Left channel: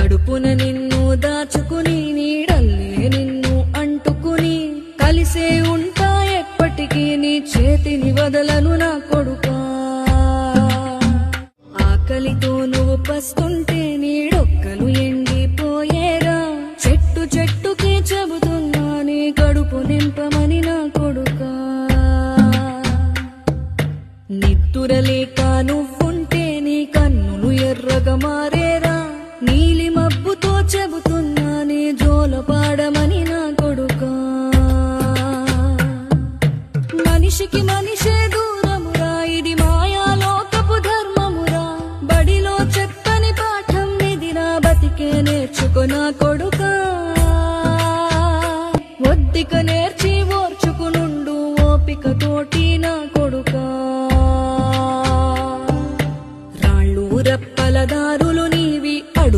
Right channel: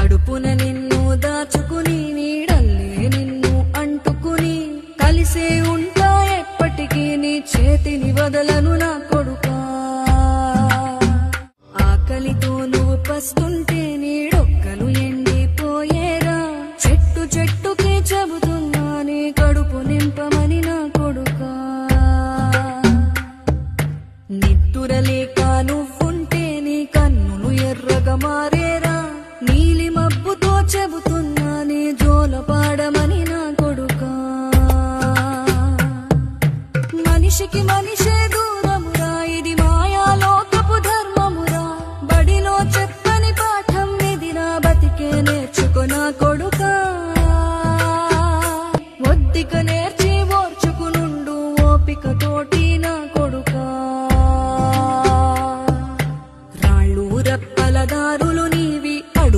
కడుపున నిన్ను దాచుకుని నీడల్లే నిన్ను అంటుకుని కలిసే ఉంటా ఎప్పటికీ నీ చేతిని వదలను నా కొడుకా ఆకలితో నువ్వు పస్తుంటే నీడొక్కలు ఎండిపోయేరా చెట్టు చెట్టుకి చెబుతున్నా నీ కడుపు నింపమని నా కొడుకా నిద్దురలేక నువ్వుంటే నీ కన్నులు ఎర్రగా మారేరా నీలి మబ్బుతో చెబుతున్నా నీ జోల పాడమని నా కొడుకా మనిషికి మనిషే దూరమురా ఇది మాయాలోకపు ధర్మమురా బడిలో చెప్పని పాఠం ఇదిరా బతికే నేర్చుకో నా కొడుకా ఒద్దిక నేర్చి ఓర్చుకునుండు ఓపిక తోటి నా కొడుకా రాళ్ళు రప్పల దారులు నీవి అడుగు